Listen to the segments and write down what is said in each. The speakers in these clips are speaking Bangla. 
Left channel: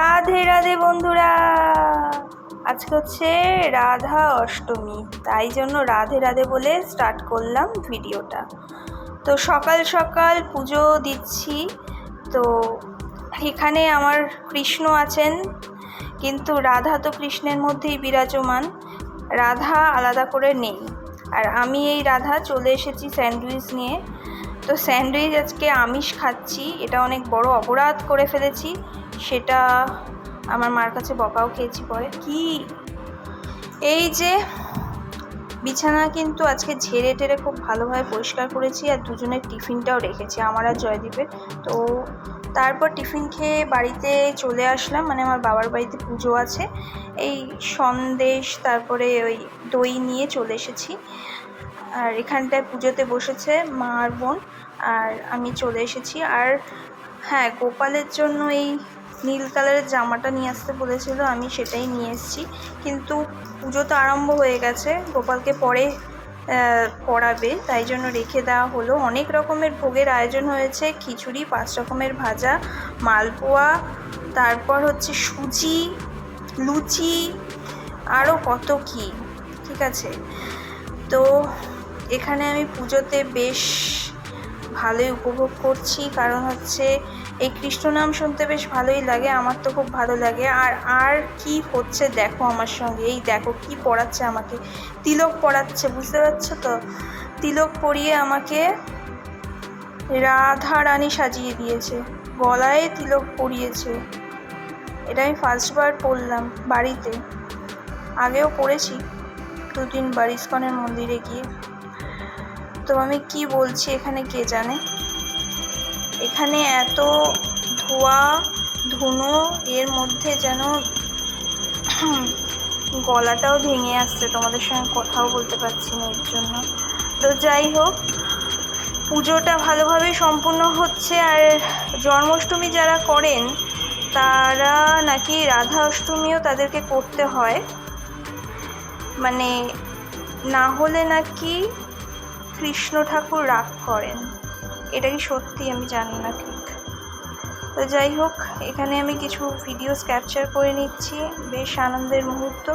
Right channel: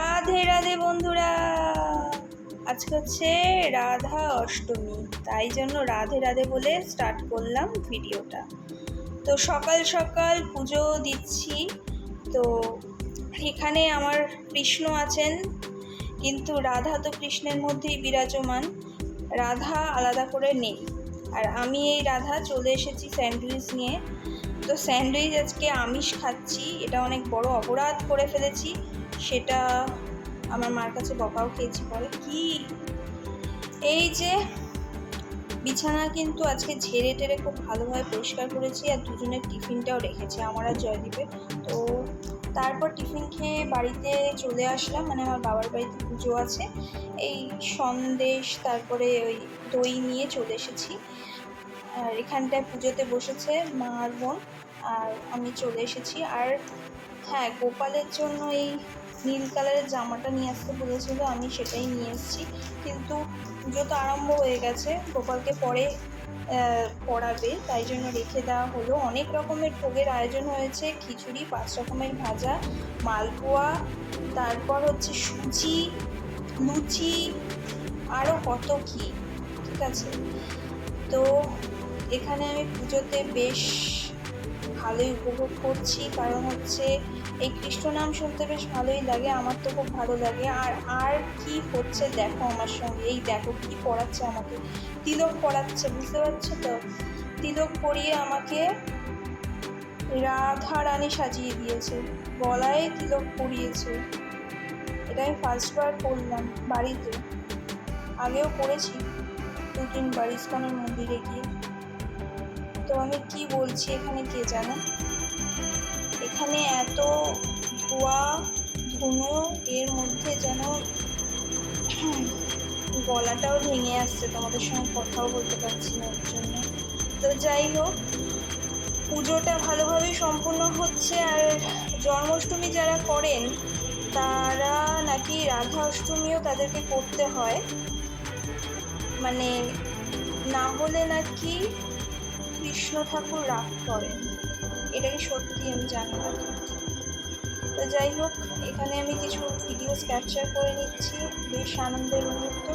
রাধে রাধে বন্ধুরা। আজকে হচ্ছে রাধা অষ্টমী, তাই জন্য রাধে রাধে বলে স্টার্ট করলাম ভিডিওটা। তো সকাল সকাল পুজো দিচ্ছি। তো এখানে আমার কৃষ্ণ আছেন, কিন্তু রাধা তো কৃষ্ণের মধ্যেই বিরাজমান। রাধা আলাদা করে নেই। আর আমি এই রাধা চলে এসেছি স্যান্ডউইচ নিয়ে। তো স্যান্ডউইচ আজকে আমিষ খাচ্ছি, এটা অনেক বড় অপরাধ করে ফেলেছি। সেটা আমার মার কাছে বকাও খেয়েছি পরে। কি? এই যে বিছানা কিন্তু আজকে ঝেড়ে টেরে খুব ভালোভাবে পরিষ্কার করেছি আর দুজনের টিফিনটাও রেখেছি, আমার আর জয়দীপের। তো তারপর টিফিন খেয়ে বাড়িতে চলে আসলাম মানে আমার বাবার বাড়িতে পুজো আছে। এই সন্দেশ, তারপরে ওই দই নিয়ে চলে এসেছি। আর এখানটায় পুজোতে বসেছে মা আর বোন, আর আমি চলে এসেছি। আর হ্যাঁ গোপালের জন্য এই নীল কালারের জামাটা নিয়ে আসতে বলেছিল, আমি সেটাই নিয়ে এসেছি। কিন্তু পুজো তো আরম্ভ হয়ে গেছে, গোপালকে পরে পড়াবে তাই জন্য রেখে দেওয়া হলো। অনেক রকমের ভোগের আয়োজন হয়েছে, খিচুড়ি, পাঁচ রকমের ভাজা, মালপোয়া, তারপর হচ্ছে সুজি, লুচি আরও কত কি, ঠিক আছে? তো এখানে আমি পুজোতে বেশ ভালোই উপভোগ করছি, কারণ হচ্ছে এই কৃষ্ণ নাম শুনতে বেশ ভালোই লাগে, আমার তো খুব ভালো লাগে। আর আর কি হচ্ছে দেখো আমার সঙ্গে, এই দেখো কি পড়াচ্ছে আমাকে, তিলক পড়াচ্ছে, বুঝতে পারছ তো? তিলক পরিয়ে আমাকে রাধা রানী সাজিয়ে দিয়েছে, গলায় তিলক পরিয়েছে। এটা আমি ফার্স্টবার পড়লাম বাড়িতে। আগেও পড়েছি দু তিনবার ইস্কনের মন্দিরে গিয়ে। তো আমি কি বলছি এখানে কে জানে? এখানে এত ধোয়া, ধুনো, এর মধ্যে যেন গলাটাও ভেঙে আসছে। তোমাদের সঙ্গে কথাও বলতে পারছি না এর জন্য। তো যাই হোক, পুজোটা ভালোভাবেই সম্পূর্ণ হচ্ছে। আর জন্মাষ্টমী যারা করেন, তারা নাকি রাধা অষ্টমীও তাদেরকে করতে হয়। মানে না হলে নাকি কৃষ্ণ ঠাকুর রাগ করেন। এটা কি সত্যি, আমি জানি না ঠিক। তো যাই হোক, এখানে আমি কিছু ভিডিওস ক্যাপচার করে নিচ্ছি, বেশ আনন্দের মুহূর্ত।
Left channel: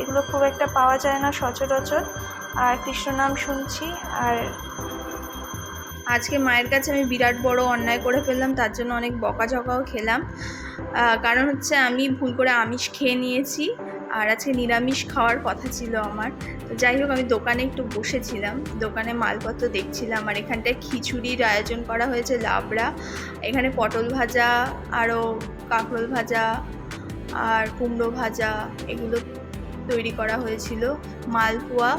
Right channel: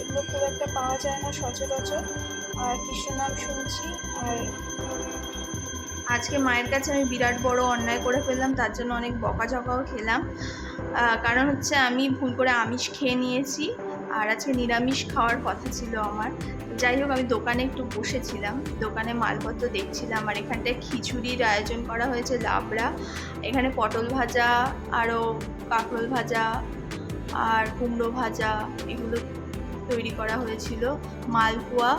এগুলো খুব একটা পাওয়া যায় না সচরাচর। আর কৃষ্ণ নাম শুনছি, আর আজকে মায়ের কাছে আমি বিরাট বড় অন্যায় করে ফেললাম, তার জন্য অনেক বকাঝকাও খেলাম। কারণ হচ্ছে আমি ভুল করে আমিষ খেয়ে নিয়েছি। আর আজকে নিরামিষ খাওয়ার কথা ছিল আমার। তো যাই হোক আমি দোকানে একটু বসেছিলাম। দোকানে মালপত্র দেখছিলাম। আর এখানটায় খিচুড়ির আয়োজন করা হয়েছে লাবড়া। এখানে পটল ভাজা আরও কাঁকরোল ভাজা আর কুমড়ো ভাজা এগুলো তৈরি করা হয়েছিল। মালপোয়া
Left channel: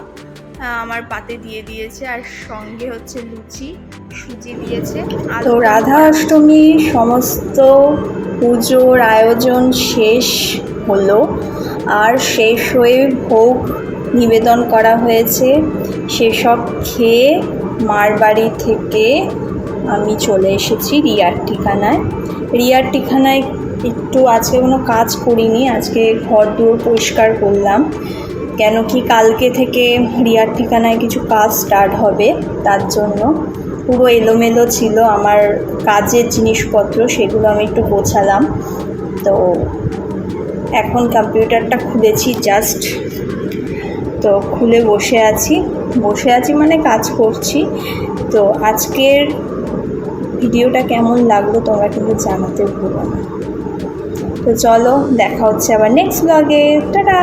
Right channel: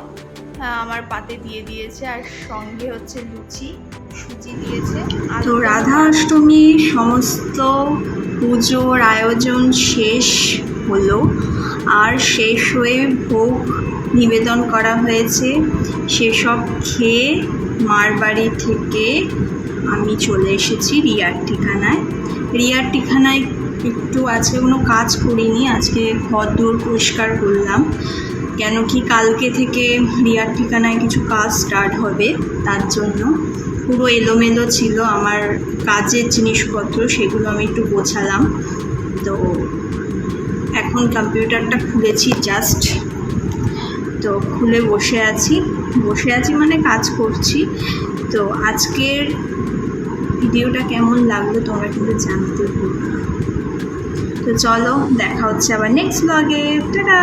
আহ, আমার পাতে দিয়ে দিয়েছে। আর সঙ্গে হচ্ছে লুচি সুজি দিয়েছে। তো রাধা অষ্টমীর সমস্ত পুজোর আয়োজন শেষ হলো। আর শেষ হয়ে ভোগ নিবেদন করা হয়েছে। সেসব খেয়ে মার বাড়ি থেকে আমি চলে এসেছি রিয়ার ঠিকানায়। রিয়ার ঠিকানায় একটু আজকে কোনো কাজ করিনি, আজকে ঘর দূর পরিষ্কার করলাম। কেন কি কালকে থেকে রিয়ার ঠিকানায় কিছু কাজ স্টার্ট হবে, তার জন্য। পুরো এলোমেলো ছিল আমার কাজের জিনিসপত্র, সেগুলো আমি একটু গোছালাম। তো এখন কম্পিউটারটা খুলেছি জাস্ট তো খুলে বসে আছি। বসে আছি মানে কাজ করছি। তো আজকের ভিডিওটা কেমন লাগল তোমরা কিন্তু জানাতে ভুলো না। তো চলো দেখা হচ্ছে আবার নেক্সট ব্লগে টাটা